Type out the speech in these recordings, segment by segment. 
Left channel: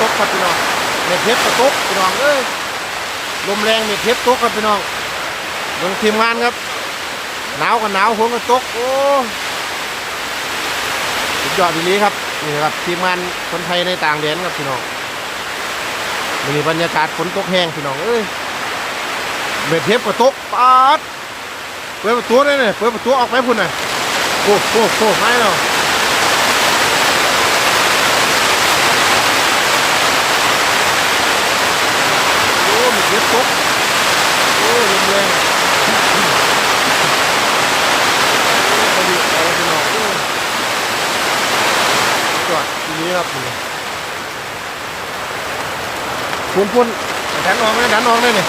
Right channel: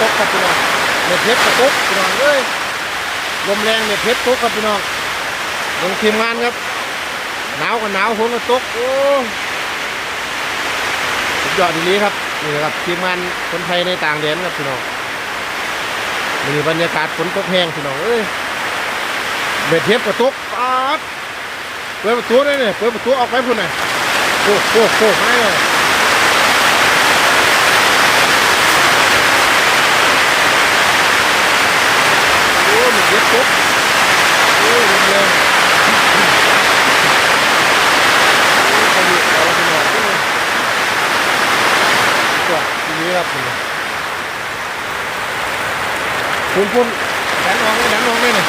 ตกครับพี่น้องเม็ดเห็บกระตุกพี่น้องเอ้ยลมแรงเม็ดเห็บตกครับพี่น้องบิ่งทีมงานครับหนาวกับหนาวฝนก็ตกโอ้สุดยอดทีนี้ครับนี่นะครับทีมงานคนไทยในต่างแดนครับพี่น้องมีบรรยากาศฝนตกแห้งพี่น้องเอ้ยเม็ดเห็บกระตุกปาดเปิดประตูเลยเนี่ยเปิดประตูออกไปพุ่นหน่อยโอ้โหโอ้โหไม่หรอก โอ้มันเย็บตุ๊กโอ้ลมแรงโอ้พายุเอาไปหน่อยโอ้จอดทีนี้ครับคุณคุณดันออกเลยดันออกเลยเนี่ย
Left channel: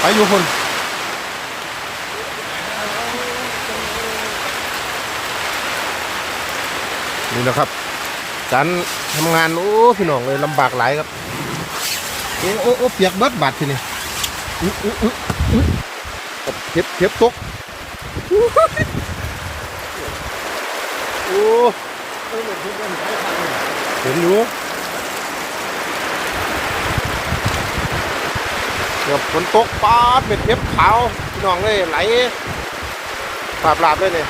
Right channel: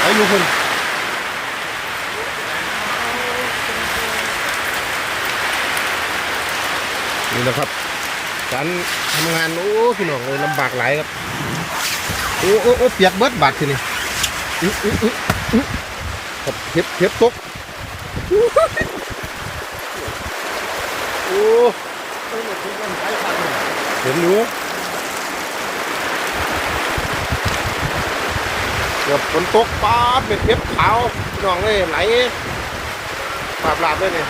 ไปอยู่คุณนี่แหละครับการทำงาน โอ้ พี่น้องเลยลำบากหลายครับ โอ้โอ้โอ้เปียกเบิดบาดทีนี่อื้ออื้ออื้ออือกับเข็บเข็บตกโอ้เห็นอยู่เดี๋ยวฝนตกปาดเม็ดเข็บขาวพี่น้องเลยไหลปาบลาบเลยเนี่ย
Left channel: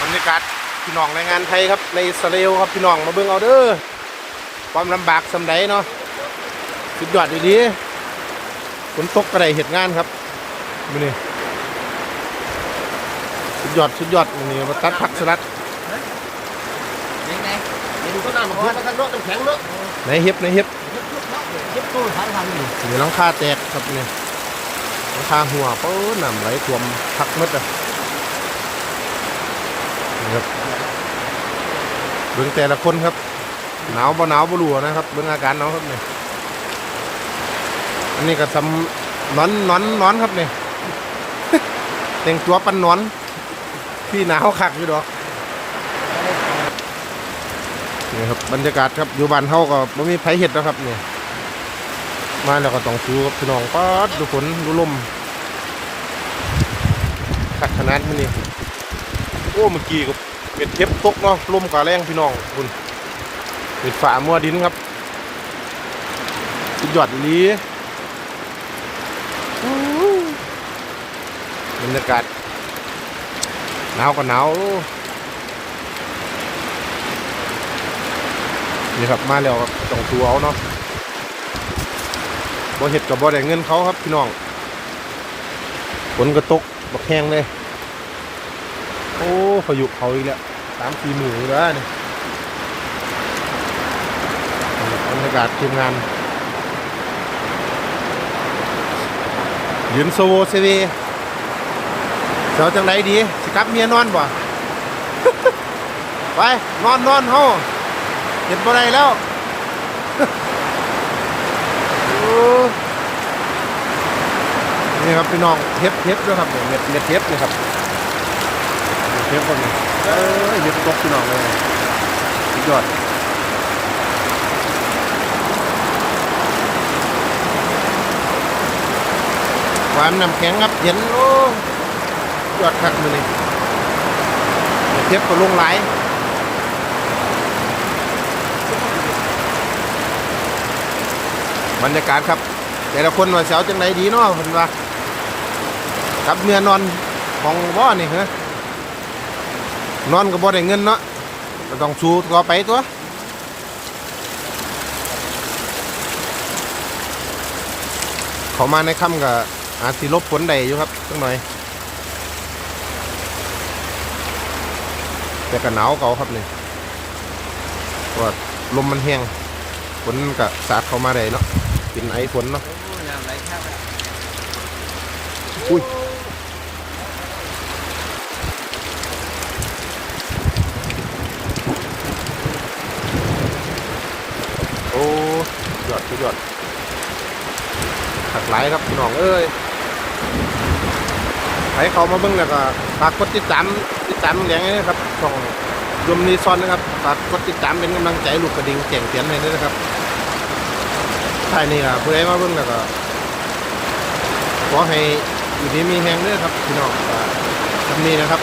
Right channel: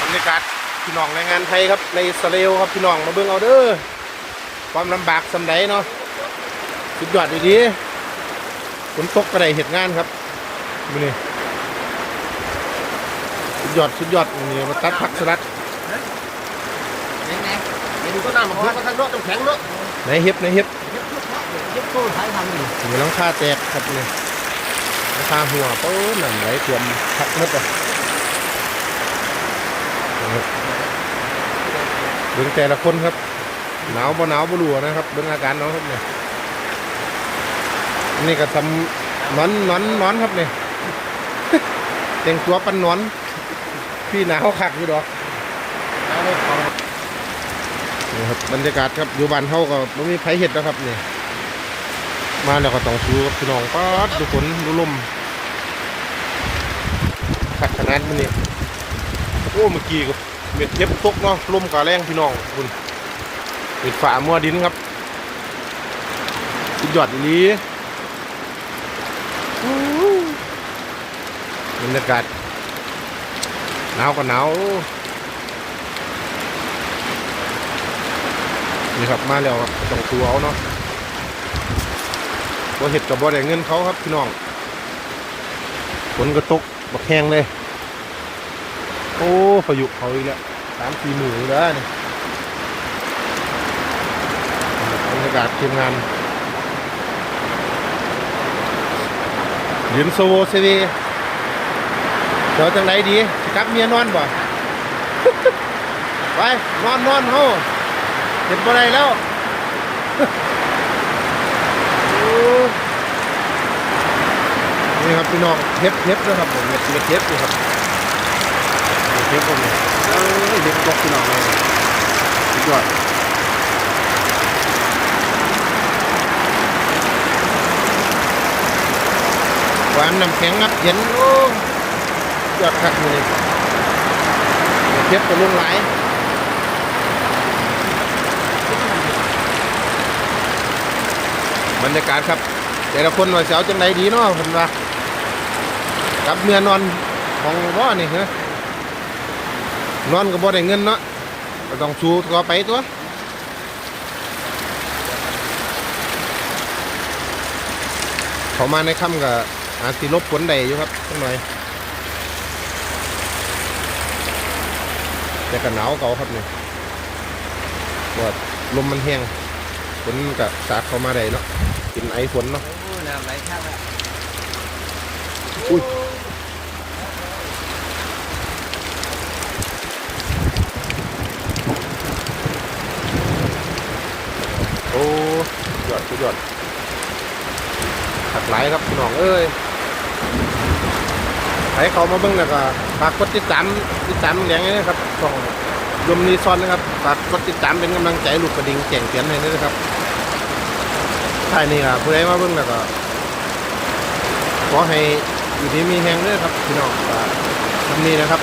บรรยากาศพี่น้องแรงงานไทยครับในอิสราเอลครับพี่น้องมาเบิ่งเอาเด้อ ความลำบากสำใดเนาะสุดยอดดีๆฝนตกกระไดเหตุงานครับมือนี่สุดยอดสุดยอดนี่มาตัดผักสลัดไปดูต้นน้ำมาเพื่อนมาทางโน้นต้องแข็งเนาะในเห็บในเห็บยึดตู้ใช้ทำนี่อยู่หลังคาแตกครับเนี่ยหลังคาหัวเปิ้ลน้ำไหลท่วมพักหมดอะนะครับเบิ่งแต่ละคนครับ หนาวบ่หนาวบ่รู้นะครับเบิ่งอาการน้องครับเนี่ยอันนี้ก็ทำนอนนอนนอนครับเนี่ยแต่งตัวปันนอนพี่หนาวคักอยู่ดอกนี่ครับบรรยากาศครับอยู่บ้านเฮาก็บ่มีไผเห็ดแล้วครับเนี่ยมาแล้วก็ต้องสู้กับพี่น้องป๊าดดูฝนดูลมคักขนาดนี้นี่โอ้เมื่อกี้ก็เม็ดเก็บตกเนาะลมก็แรงพี่น้องคุณ ปิดฝามัวดินครับสุดยอดอีหลีบรรยากาศหนาวก็หนาวนี่ครับมาแล้วครับต้องตัวเอาเนาะบ่เห็ดกับบ่ได้เงินเขาครับพี่น้องฝนก็ตกบักแห้งเลย โอ้พายุเขาอีกแล้วสามสี่หมื่นแล้วนี่ บรรยา กาศทีมงานยืนโซโวซเวเจ้าจังไรดีสิกลับเมียนอนบ่ ไป นอนนอนเฮาเห็นบ่ได้แล้วนี่ครับพี่น้องเทปเทปด้วยครับเนี่ยเม็ดเม็ดเทปนี่ครับเทปคนนี้เอ้ยเห็บตกพี่น้องเลยยอด หวานน้ำแข็งครับเย็นโอ้ยอดคักมือนี่เดี๋ยวเทียบกับลุงหลบรรยากาศครับ แต่ละคนว่าเสียวจังไรดีเนาะเพิ่นว่ากับเมียนอนของบ่อนี่เหรอนอนก็บ่ได้เงินเนาะก็ต้องสู้ต่อไปตัวเขามาในค่ำกับ อาจสิลบฝนใดอยู่ครับสักหน่อยแต่ก็หนาวเก่าครับนี่ว่าลมมันแห้งฝนก็สาดเข้ามาได้เนาะกินไอฝนเนาะอุ้ยโอ้ยอดสุดยอดถักหลายครับพี่น้องเอ้ย ให้เขามาเบิ่งแล้วก็ฝากกดติดตามติดตามแหลงนี้นะครับช่องยมนีซอนนะครับฝากกดติดตามเป็นกำลังใจลูกกระดิ่งแจ้งเตือนให้ด้วยนะครับท้ายนี้ก็ผู้ใดมาเบิ่งแล้วก็ขอให้อยู่ดีมีแหงด้อครับพี่น้องฝากทำนี้นะครับ